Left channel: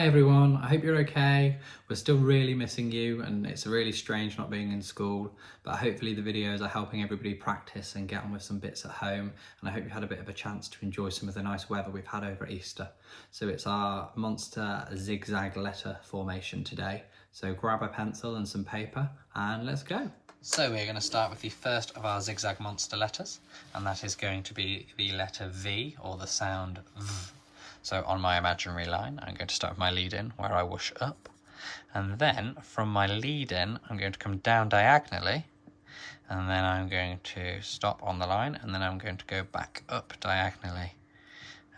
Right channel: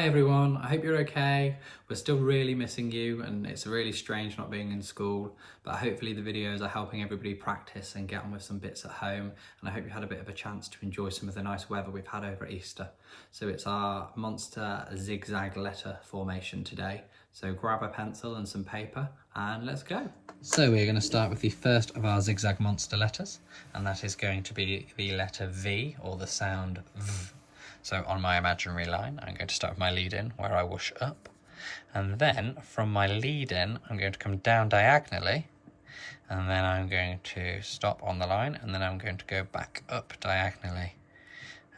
Hey everyone, I hope you're okay. We're still really missing you and it's really strange not being in school, but hopefully the videos are helping everybody practice and get on with some bits at home, and I hope you had a bit of a chance to enjoy some of the nice weather we've had over Easter. So it's our monster zigzag letter formation today. So grab a pencil and some paper and let's go. So we're going to start with the first of our zigzag monster letters, and that is going to be the letter V, or the sound V. So on my imaginary line, I'm going to start with my lead in where I whoosh up. And then from my lead in, I'm going to come down diagonally. And then I'm going to stop on the line. And then I'm going to go back up diagonally.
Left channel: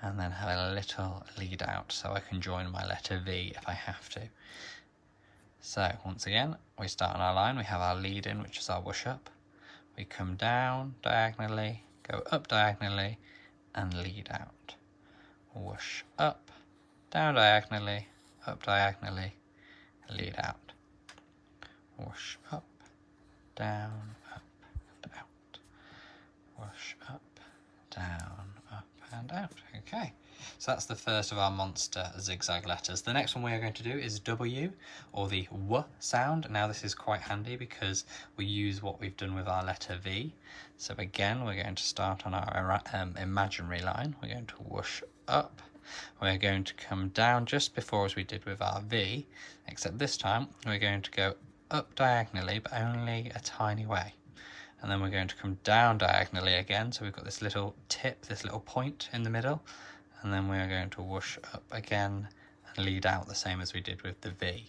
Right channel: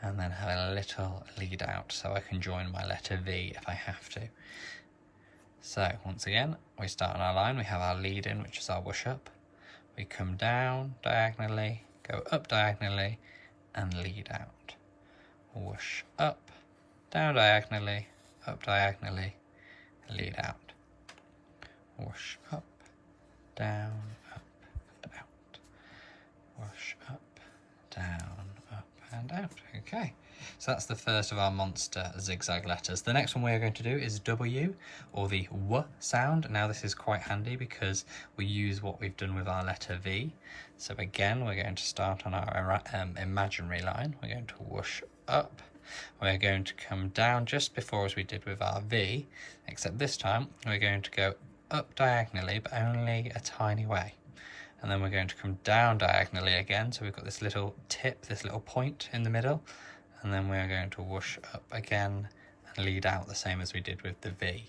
And then have a little lead out so I can join my letter V if I have to. So once again, we start on our line. We have our lead in, which is our whoosh up. We come down diagonally, go up diagonally, and lead out. Whoosh up, down diagonally, up diagonally, lead out. Whoosh up, down, up, and out. Whoosh up, down, up, and out. Okay, so that's the first of our monster zigzag letters. The next one we are going to do is W, or the W sound. Now this is quite handy because we use what we've done with our letter V. So again, we're going to start on our imaginary line. We're going to whoosh up. We're going to come down just before as we did with our V, except this time we're going to go up diagonally, but only a tiny way. And then we're going to come down diagonally again. So we've got this little tip, this little point in the middle. And then we're going to whoosh up again and lead out the same as we did with the V.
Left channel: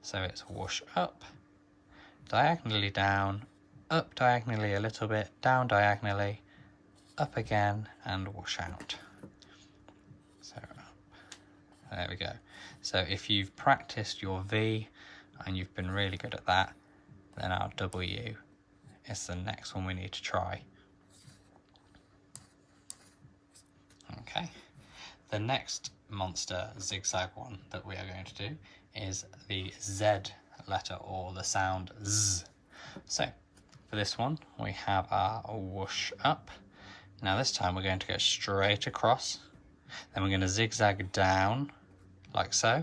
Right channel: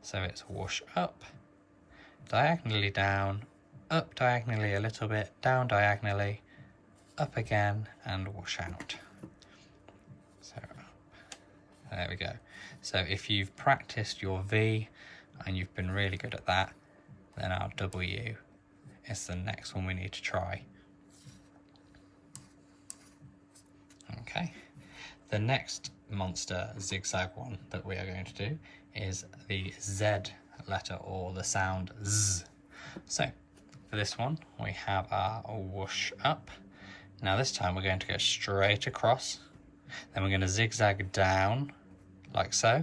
So it's whoosh up, diagonally down, up diagonally a little bit, down diagonally, up again, and whoosh out. So there we go. So if you've practiced your V and you've been really good at that, then our W is the next one we need to try. Okay, the next monster zigzag one that we are going to do is the Z letter, or the sound Z. So for this one, we have our whoosh up. Now this time we're going to go straight across. Then we're going to zigzag down, like so.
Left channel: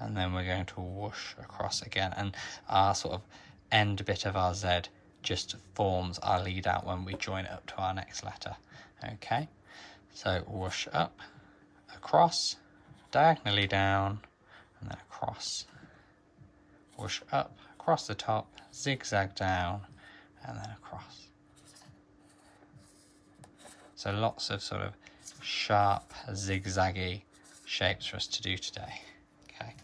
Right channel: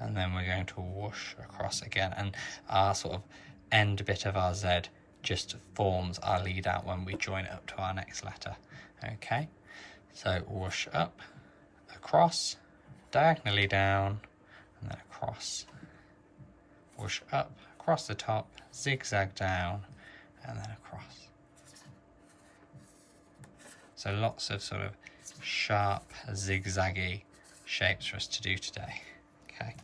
And then we're going to whoosh across again. And our sort of end bit of our Z just forms our lead out when we join it up to our next letter. Okay, so whoosh up, across, diagonally down, and then across. Whoosh up, across the top, zigzag down, and then across. So lots of sort of sharp, zigzaggy shapes for us to do today. Okay.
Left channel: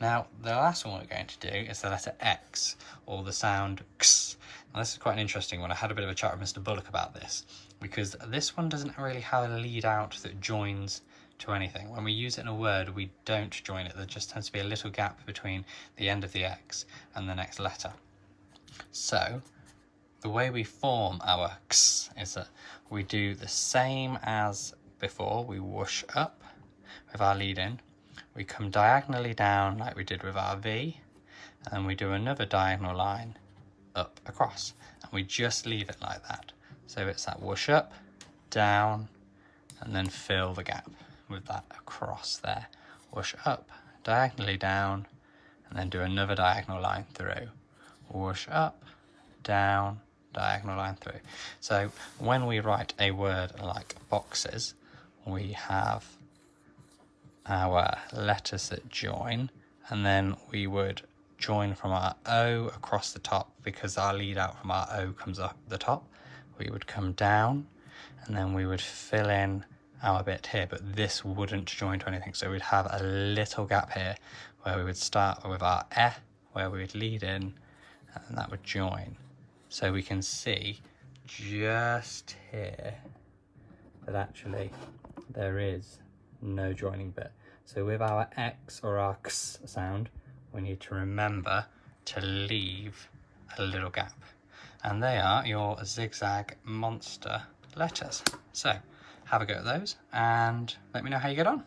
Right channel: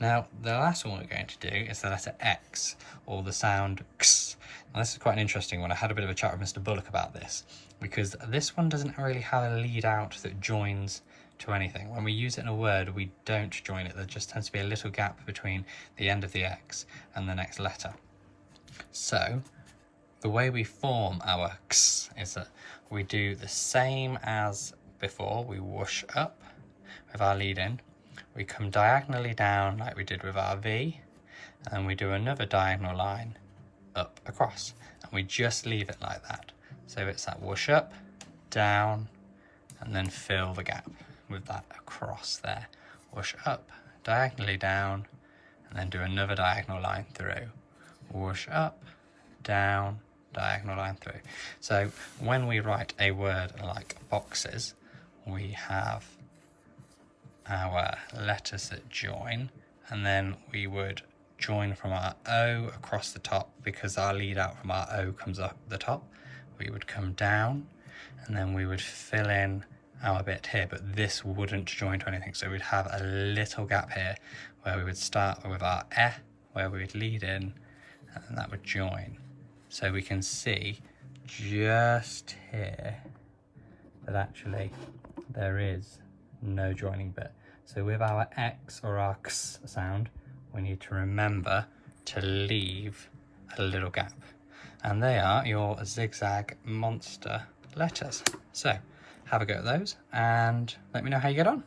Now, the last one we're going to do is the letter X, or the sound X. Now, this is quite an interesting one. I had a bit of a chat with Mr. Bullock about this, because this one doesn't really have a lead out that joins to anything. When we use it in a word, we don't join it. There just tends to be a little gap between the end of the X and the next letter. So the way we form our X is that we do the same as before. We whoosh up with our lead in, we come diagonally down like we did with our V, and we do another diagonal line up across, and we just leave it like that. So it's that whoosh up, down, and then fill the gap with that across there. Whoosh up, diagonally down, and then do another diagonal line through. Whoosh up, down, diagonal line through. So when we write a word like boxes, we have our letters that join, and then we would join from our O across the top, because our lead out from our O comes up the top. We would come down, and then we would fill in our bit here, but this wouldn't join to anything. So we'd have a little gap here where we would start with our E, where we would lead in, and that would join. So we can see just here that actually there is no joining bit. So with our X, or our X sound, we need to remember to leave a little gap. And they are your zigzag monster letters. So have a go at those and let me know how you get on.